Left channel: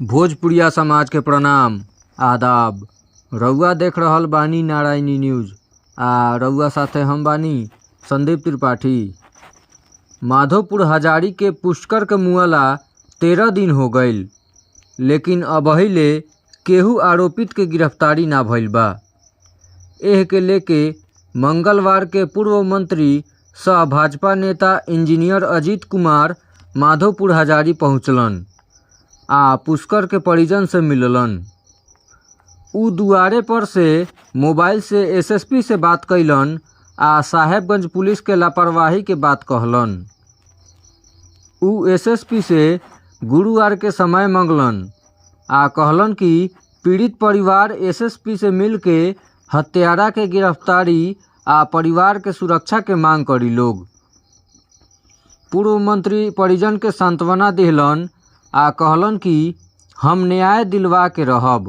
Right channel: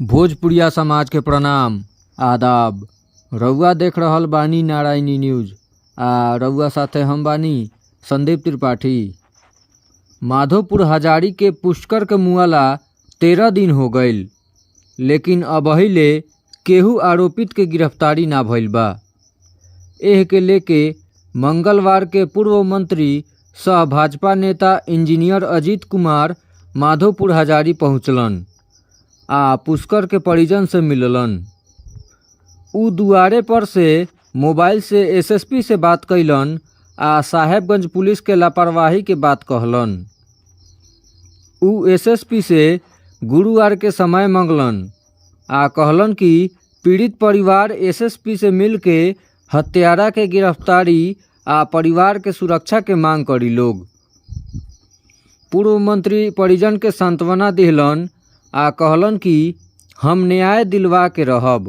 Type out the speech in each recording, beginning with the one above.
भोजपुरिया समाज के प्रणाम आदाब। रउआ देख रहल बानी नारायणी न्यूज आ रउआ साथे हम बानी संदीप त्रिपाठी। माधोपुर हजारी के पुष्कर के मुआला 13 दिन हो गईल, लेकिन अबहिले केहू आरोपित के गिरफ्तारी ना भइल बा। एह के लेके मंगलवार के पूर्व मंत्री सह भाजपा नेता इंजीनियर अजीत कुमार माधोपुर हजारी पहुँचलन आ पुष्कर के परिजन से मिललन। उ दुआरे पर से मोबाइल से एसएसपी से बात कैलन आ साहेबगंज पुलिस के लापरवाही के बात कहलन। उ एसएसपी से गुरुवार के समय मंगलन आ कहलन कि पीड़ित परिवार एसएसपी से मिल के हत्यारा के गिरफ्तारी आ परिवार के सुरक्षा के मांग करी लोग। पूर्व मंत्री परिजन के सांत्वना दिहलन आ कहलन कि हम न्याय दिलवा के रहब।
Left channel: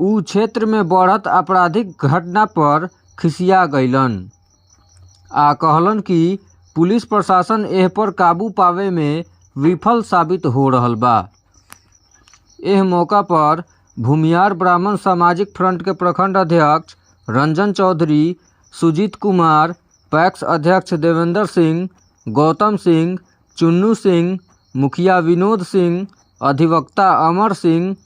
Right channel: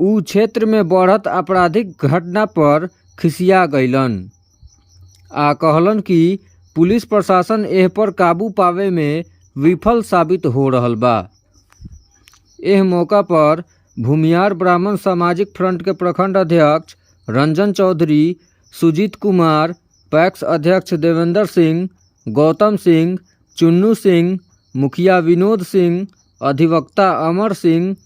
उ क्षेत्र में बढ़त आपराधिक घटना पर खिसिया गईलन आ कहलन कि पुलिस प्रशासन एह पर काबू पावे में विफल साबित हो रहल बा। एह मौका पर भूमियार ब्राह्मण सामाजिक फ्रंट के प्रखंड अध्यक्ष रंजन चौधरी, सुजीत कुमार, पैक्स अध्यक्ष देवेंद्र सिंह, गौतम सिंह, चुन्नू सिंह, मुखिया विनोद सिंह, अधिवक्ता अमर सिंह,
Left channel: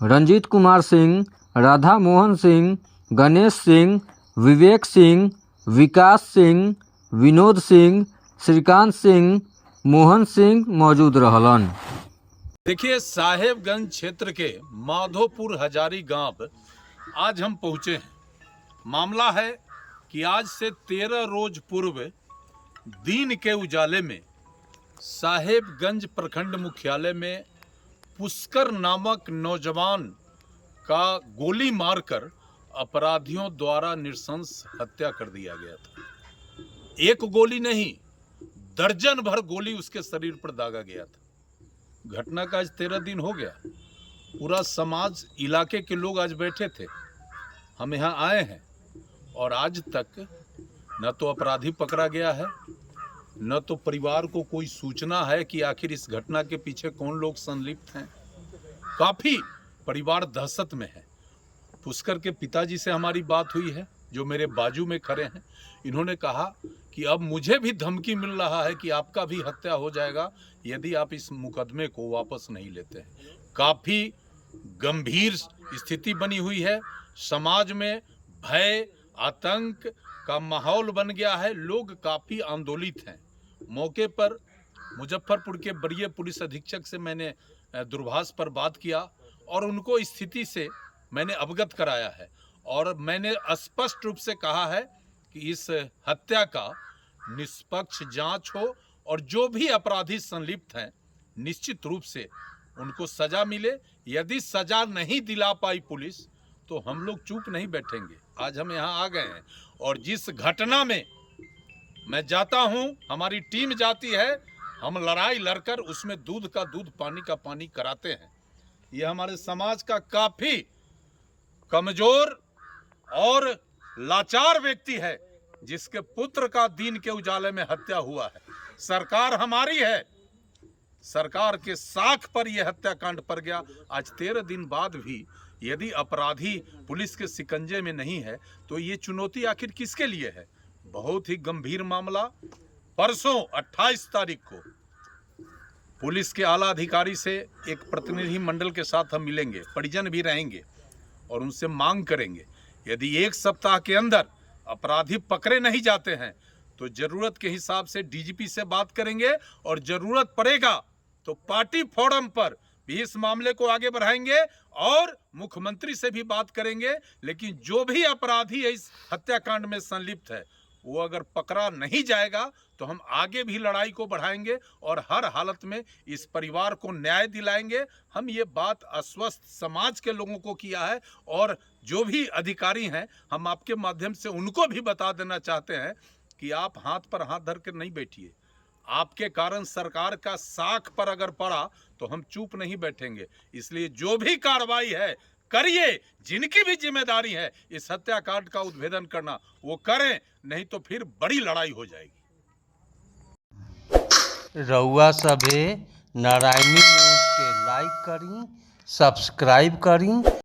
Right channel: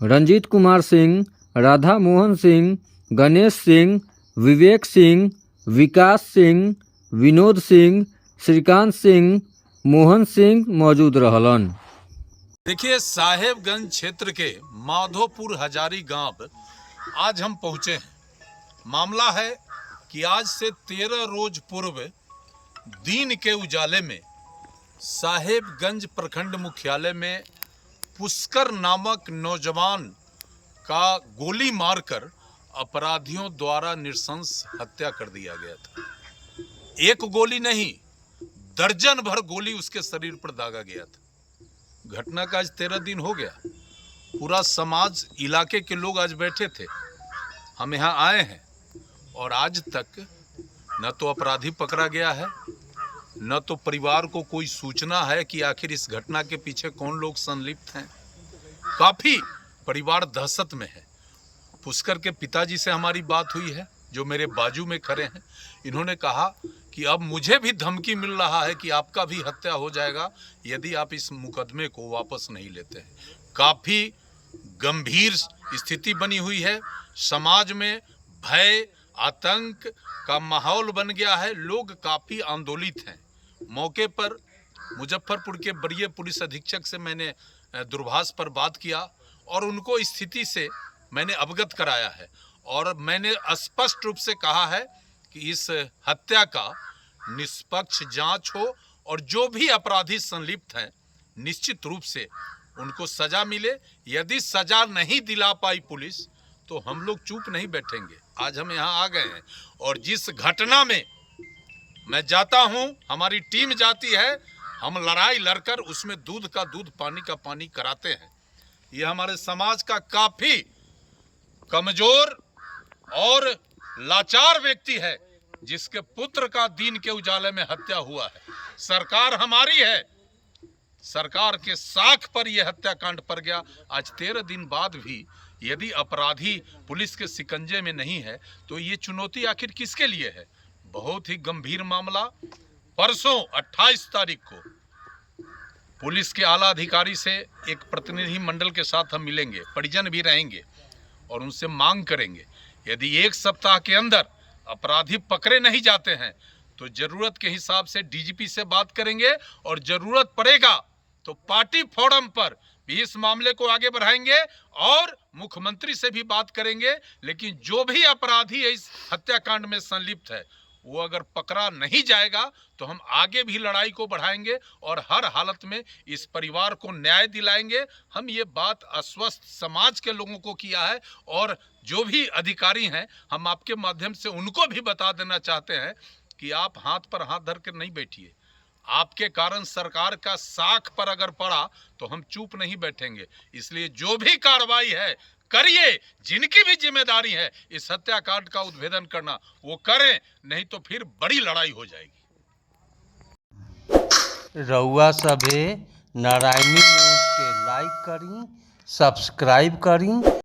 रंजीत कुमार सिंह, राधा मोहन सिंह, गणेश सिंह, विवेक सिंह, विकास सिंह, विनोद सिंह, श्रीकांत सिंह, मोहन सिंह मौजूद रहलन। देखिए, साहेबगंज क्षेत्र के माधोपुर हजारी गांव आज हम पहुंचे हैं। मामला है कि आज से 13 रोज पूर्व दिन के उजाले में साहेबगंज प्रखंड मुख्यालय में पुष्कर नामक नौजवान का गोली मारकर अपराधियों द्वारा नृशंस हत्या कर दिया गया था। एक गोली नहीं, दर्जन भर गोली उसके शरीर पर दागा गया था। घटना का आज 13 दिन हो गया। पूरा समाज, इलाके के लोग आज बैठे थे। हम यहाँ आए हैं और आज तक न तो अपराधी पकड़ा गया है, न तो परिवार को कोई सूचना है कि आखिर इस घटना के पीछे कौन लोग संलिप्त हैं। काफ़ी परिवार दहशत में है। पुष्कर के पिताजी से हमारी बात हुई है, जो मेरे बाजू में खड़े हैं। इन्होंने कहा कि अब मुझे भी धमकी मिल रहा है कि आपका भी हत्या हो जाएगा यदि आप इस मुकदमे को वापस नहीं लेते हैं। काफ़ी गंभीर स्थिति बनी हुई है। समाज में भय, आतंक का माहौल बन गया है। लोग काफ़ी आंदोलित हैं। मौके पर मुजफ्फरपुर के वरीय पुलिस अधीक्षक से मैंने दूरभाष पर बात किया और उनको स्थिति से मैंने अवगत कराया है और मैंने स्पष्ट रूप से कहा है कि इस हत्या का निष्पक्ष जांच हो और जो भी अपराधी संलिप्त हैं निश्चित रूप से उनको सजा मिले। यदि सजा नहीं दिला पाई पुलिस तो हम लोग चुप नहीं बैठेंगे। आज हम यहाँ आ गए हैं और जिस घटना में मैं जाता हूँ, हमारी टीम जाती है, हम लड़ाई लड़कर उसमें दूध का दूध, पानी का पानी कराते हैं। ये हमारे समाज का काफ़ी कमज़ोर और लाचार व्यक्ति है जिसके पुत्र का दिन के उजाले में हत्या हुआ है। सरकार हमारी है, सरकार के साख पर यह हत्याकांड पड़ गया। आज 13 दिन बाद भी यदि अपराधी पुलिस के शिकंजे में नहीं है तो ये चुनौती आखिर किसके लिए है। बहुत ही गंभीर मामला। परसों 28 तारीख को पुलिस के आला अधिकारी से एक प्रतिनिधि मंडल के साथ हम मिलेंगे, परिजन भी रहेंगे और उनसे मांग करेंगे यदि 1 सप्ताह के अंदर अपराधी पकड़े नहीं जाते हैं तो जरूरत के हिसाब से डीजीपी से बात करेंगे और जरूरत पड़ेगा तो पार्टी फोरम पर भी इस मामले को आगे बढ़ाएंगे और मुख्यमंत्री से भी बात करेंगे। लेकिन जो भी अपराधी इस हत्याकांड में संलिप्त है वो अगर पकड़ा नहीं जाएगा तो हम आगे भी लड़ाई को बढ़ाएंगे और हर हालत में इस परिवार को न्याय दिलाएंगे। हम ये बात आश्वस्त समाज के लोगों को किया है और जो भी अधिकारी हैं हम आपके माध्यम से उनको भी बता देना चाहते हैं कि आप हाथ पर हाथ धर कर नहीं बैठिए। आपके कारण सरकार का साख पर अगर पड़ा तो हम चुप नहीं बैठेंगे। इसलिए जो भी कार्रवाई है करिए, जिनकी भी जिम्मेदारी है इस हत्याकांड का उद्भेदन करना वो करें, नहीं तो फिर बड़ी लड़ाई हो जाएगी। रउआ सभे नारायणी न्यूज के लाइक लाइक करी, सब्सक्राइब करी।